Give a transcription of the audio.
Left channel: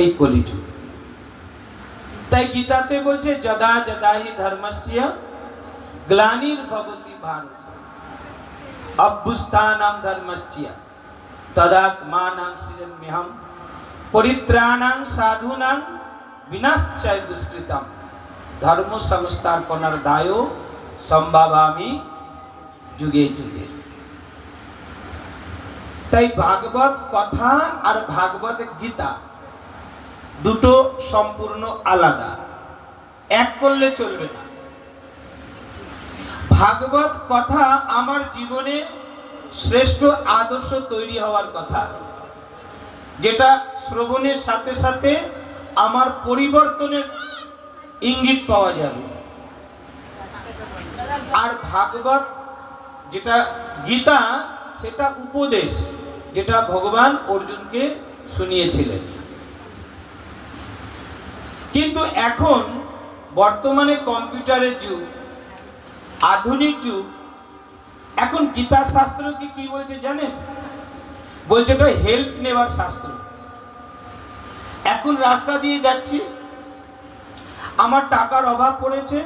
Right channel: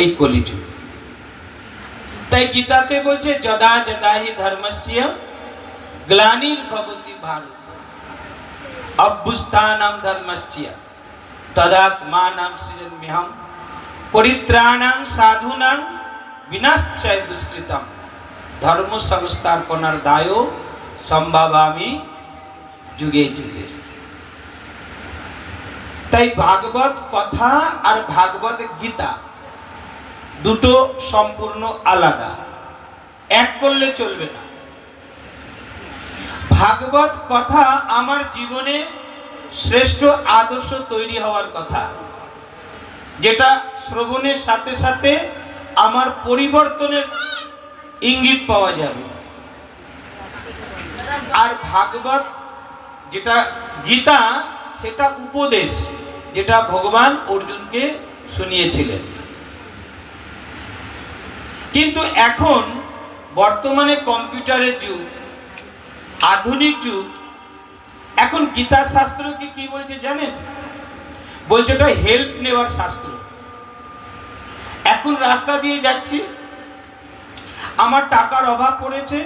এই কলিযুগ। তাই গীতাতে বলছে যদা যদা হি ধর্মস্য গ্লানির্ভবতি ভারত অভ্যুত্থানাম ধর্মস্য তদাত্মানাং সৃজন্ম্যহম পরিত্রাণাং সাধূনাং বিনাশায় দুষ্কৃতম ধর্ম সংস্থাপনার্থায় সম্ভাবামি যুগে যুগে। তাই ভাগবত কথা আর ভাগবত গীতা দুটো সম্পূর্ণ আলাদা, এক করলে চলবে না। ভাগবত কথা আমার জীবনে শ্রেষ্ঠ আদর্শ তৈরি হওয়ার কথা, যেটা শ্রবণের সাথে সাথে আমার পরিবর্তনের ইঙ্গিত পাওয়া যাবে। আর ভাগবত যেটা গীতা, সেটা উপদেশ, যেটা ভগবান অর্জুনকে শুনিয়েছিলেন। কিন্তু এখন বর্তমানে কম্পিউটারের যুগ, আধুনিক যুগ, এখন গীতা শাস্ত্রকে কি বলছে জানেন? বলছে এটা হেল্প নেওয়ার শাস্ত্র। এখন রাস্তা দিয়ে যাচ্ছি, আমার টাকার অভাব পড়েছে,